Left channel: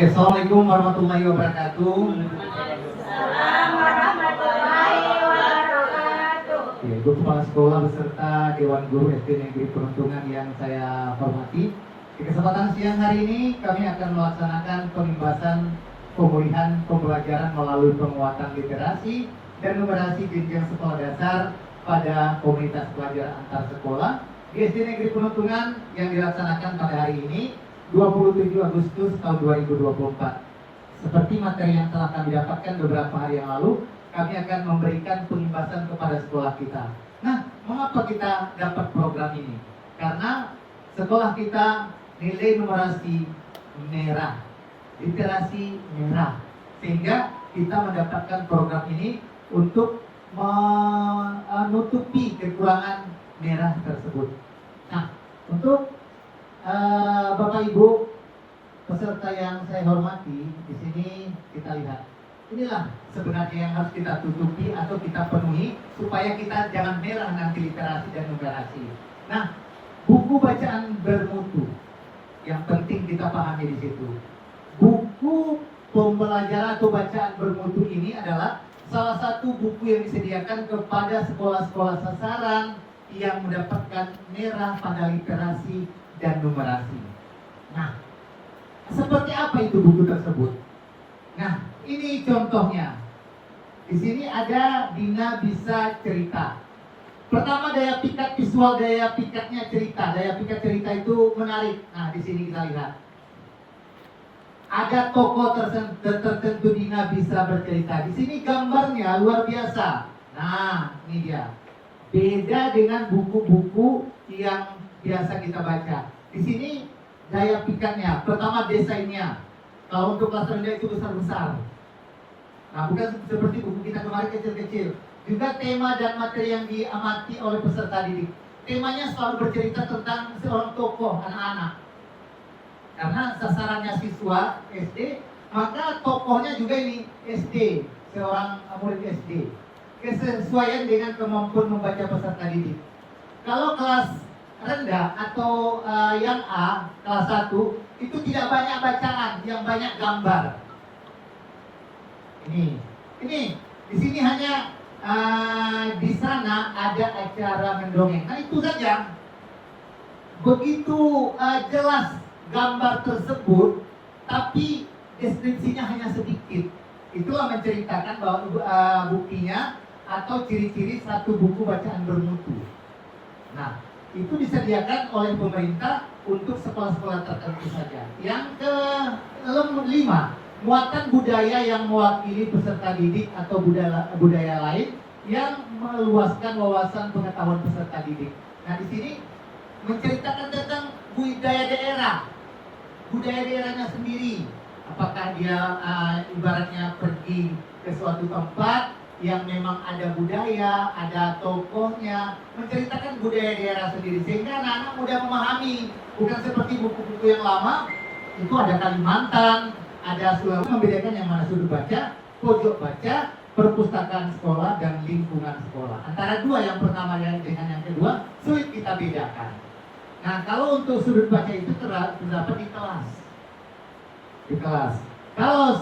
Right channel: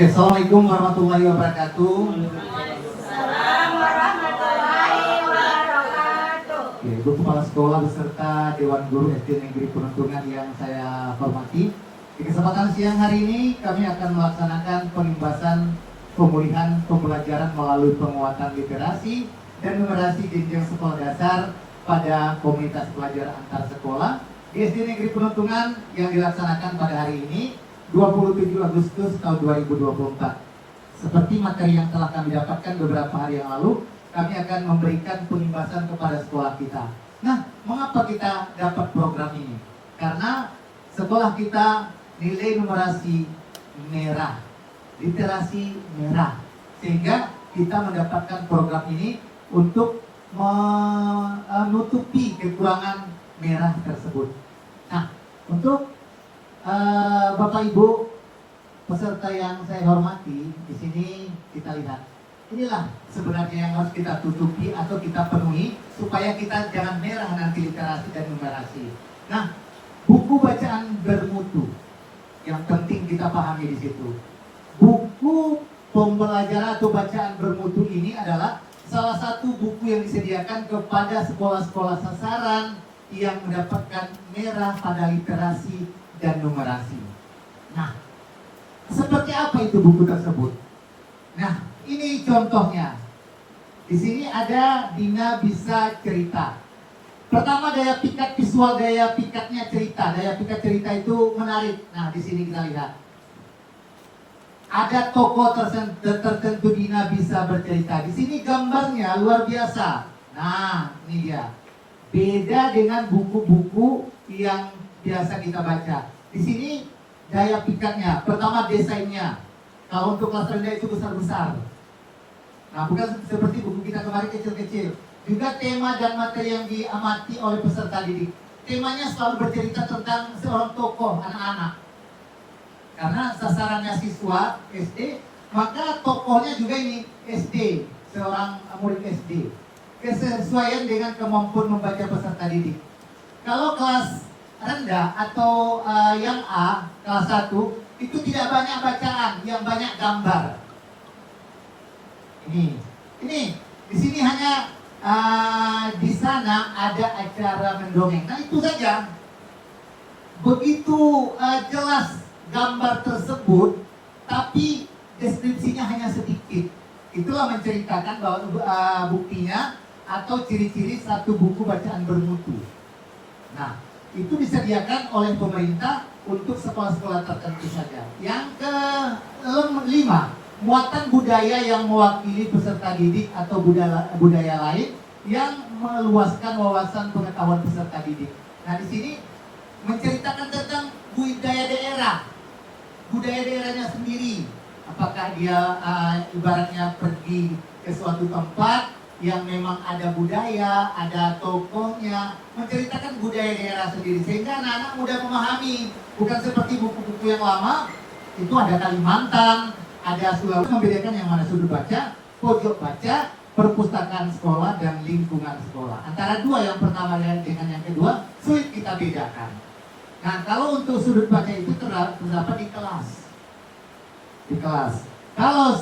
Assalamualaikum warahmatullahi wabarakatuh. Waalaikumsalam warahmatullahi wabarakatuh. Ya, Ibu Kepala Sekolah beserta Dewan Guru SD Negeri Penuntungan yang saya hormati. Di kesempatan siang hari ini kami akan melaksanakan penimbasan pemulihan pembelajaran melalui penguatan literasi dan numerasi jenjang sekolah dasar pada komunitas pelajar antar sekolah di SD Negeri Penuntungan yang dilaksanakan pada hari ini 27 Agustus tahun 2024. Seperti materi yang telah kami dapatkan beberapa hari yang lalu, kami akan memberikan penimbasan kepada sekolah kita. Nah, mengapa kita dapat program ini? Karena sekolah kita nilai numerasi merah, literasi merah, sehingga kita mendapatkan program ini untuk menutupi kekurangan merah tersebut. Nah, untuk Bapak Ibu peserta yang saya hormati, di sini kita lihat. Inilah sebenarnya yang harus kita tutupi atau kita penuhi supaya kita jangan merah nanti literasi dan numerasi. Nah, buku bacaan bermutu yang penting kita pahami di situ. Buku pembelajaran atau bacaan bermutu ini adalah salah satu buku yang disediakan kepada sekolah-sekolah sasaran yang mendapatkan merah pada literasi dan numerasi. Nah, seperti apa itu buku tersebut? Nah, ini contohnya. Di sini ada Dina Bisa Cerita. Pertama, daya pikat visual, daya pikatnya cerita. Daya pikat cerita itu menarik. Nah, di sini kita lihat. Ada tokoh tertentu Dina bisa bercerita. Di sini gambarnya luar biasa. Nah, ini dia. Beda dengan buku-buku yang biasa kita baca. Di sini daya pikatnya, pertama desainnya. Kalau untuk kelas rendah itu besar-besar. Nah, bukan seperti buku kita kemarin kecil-kecil. Juga tema dan materi yang diamati oleh peserta didik. Temanya selalu bercerita tentang seorang tokoh anak-anak. Karena sasarannya siswa SD, maka tokohnya juga ini SD, seorang murid SD. Kesesuaian dengan kemampuan membaca peserta didik. Kalau kelas rendah atau yang A, kelas 1, itu tidak banyak bacaan, yang banyak gambar. Ini di sini hanya di sana ada acara mendongeng. Nah, itu saja. Begitu jelas gambar tersebut, tapi deskripsinya hanya sedikit. Itulah menceritakan bahwa buktinya atau ciri-ciri satu buku bacaan bermutu. Nah, itu disediakan oleh pemerintah untuk sekolah-sekolah tertentu saja. Yang kelima, muatan budaya yang mewakili peserta didik atau budaya lain yang meluaskan wawasan pengetahuan peserta didik. Nah, di sini menceritakan tentang budaya daerahnya sendiri. Apakah dia ibaratnya pergi ke suatu tempat yang memang ada budaya, ada tokohnya, menceritakan budaya daerah sendiri sehingga anak-anak mudah memahami. Bukan seperti buku-buku yang lama, itu ada Kalimantan, ada Sulawesi, membedakan yang mana sudut baca, pojok baca, perpustakaan sekolah dan lingkungan sekolah. Antara dua yang pertama dengan yang kedua sulit kita bedakan. Nah, kalau untuk sudut baca itu terdapat di kelas. Di kelas. Kalau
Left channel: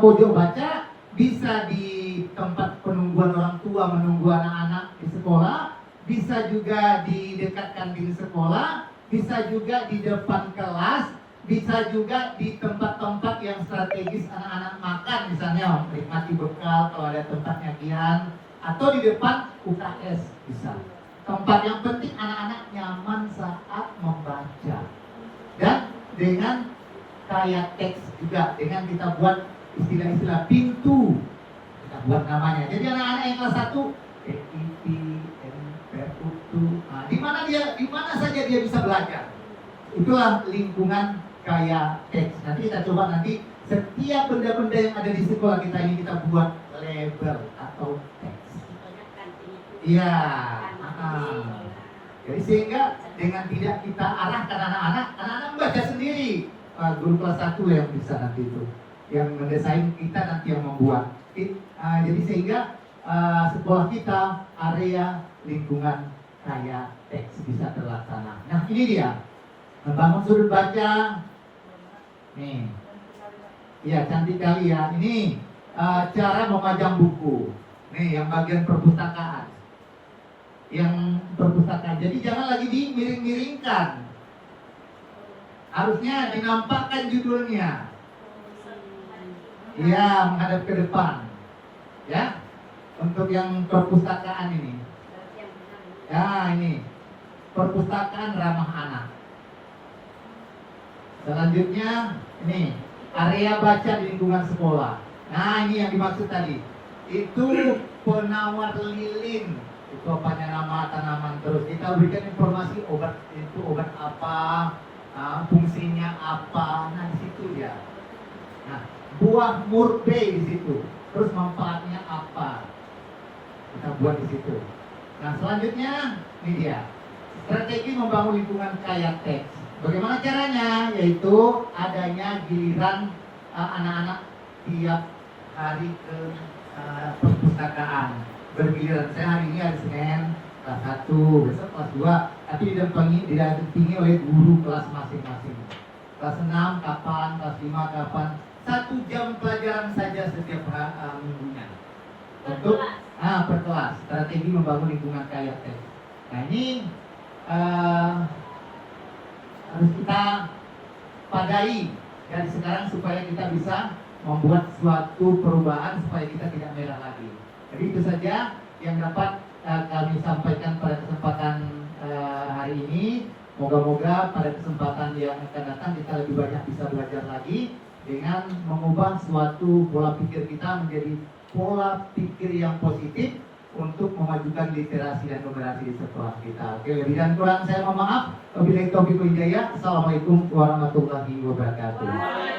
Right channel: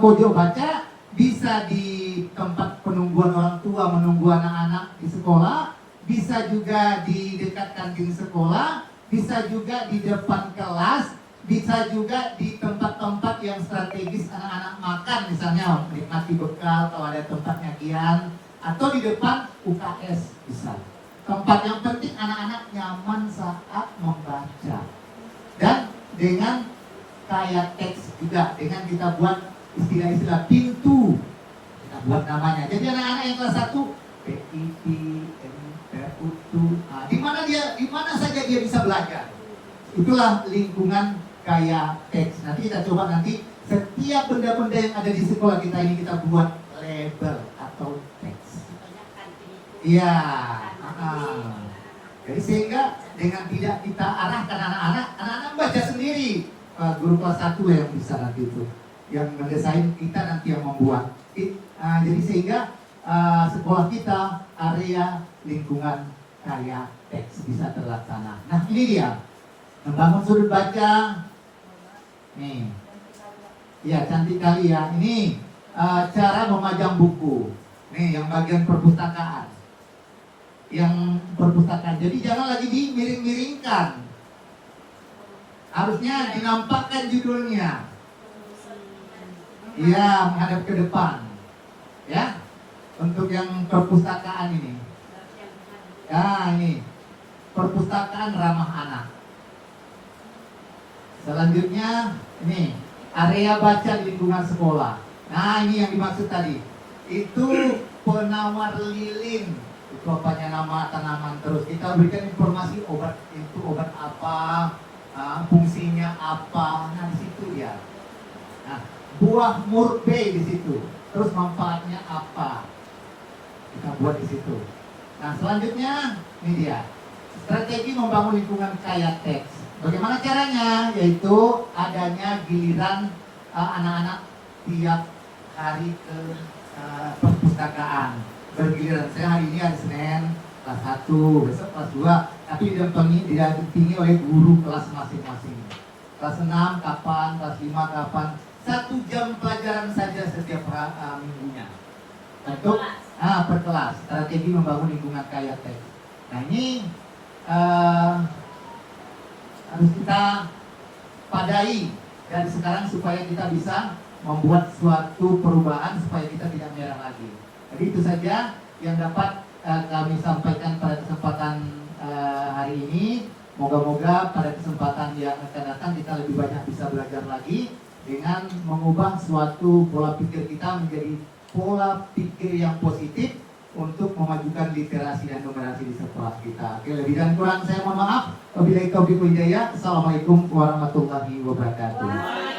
pojok baca bisa di tempat penungguan orang tua menunggu anak-anak di sekolah, bisa juga di dekat kantin sekolah, bisa juga di depan kelas, bisa juga di tempat-tempat yang strategis anak-anak makan, misalnya menikmati bekal kalau ada tempat nyakian, atau di depan UKS bisa. Tempat yang penting anak-anak nyaman saat membaca. Dan dengan kayak teks juga, dengan kita buat istilah-istilah pintu, kita buat namanya. Jadi anak-anak yang kelas 1 PIP, MPUTU, di mana saja dia bisa belajar. Itulah lingkungan kayak teks. Nanti kita coba setiap benda-benda yang ada di sekolah kita ini kita buat label atau teks. Iya. Jadi sehingga dengan tidak kita arahkan anak-anak membaca sendiri. Guru kelas 1 yang bisa nanti itu, yang mendesain, kita nanti yang membuat. Jadi sehingga sekolah kita area lingkungan kayak teks bisa terlaksana. Nah, ini dia membangun sudut baca. Nih, Ya, cantik kali ya. Ini cara memajang buku. Nih, yang bagian perpustakaan. Yang perpustakaan. Jadi jangan lagi dimiring-miringkan. Harusnya dinampakkan judulnya. Iya, menghadap ke depan. Ya, untuk yang perpustakaan ini. Ya, ini perpustakaan ramah anak. Selanjutnya, ini area baca di lingkungan sekolah. Nah, ini yang dimaksud tadi. Itu penawar lilin. Itu apanya nama tanaman terus. Kita berikan informasi obat itu obat apa, fungsinya apa. Nah, di situ ya. Nah, buah murbei di situ. Terus manfaatnya apa? Kita buat di situ. Nah, selanjutnya ini dia. Strategi membangun lingkungan kaya teks. Bagaimana caranya? Yaitu adanya giliran anak-anak tiap hari ke perpustakaan. Bergiliran. Saya hari ini hari Senin kelas 1, besok kelas 2, tapi didampingi oleh guru kelas masing-masing. Kelas 6 kapan, kelas 5 kapan. 1 jam pelajaran saja setiap minggunya. Untuk per kelas. Strategi membangun lingkungan kaya teks. Nah, ini harus kita padai dari sekarang supaya kita bisa membuat suatu perubahan supaya kita tidak merah lagi. Jadi itu saja yang dapat kami sampaikan pada kesempatan hari ini. Moga-moga pada kesempatan yang akan datang kita lebih banyak bisa belajar lagi dengan mengubah suatu pola pikir kita menjadi pola pikir yang positif untuk memajukan literasi dan numerasi di sekolah kita. Oke, lebih dan kurang saya mohon maaf. Wabillahi taufiq wal hidayah. Assalamualaikum warahmatullahi wabarakatuh.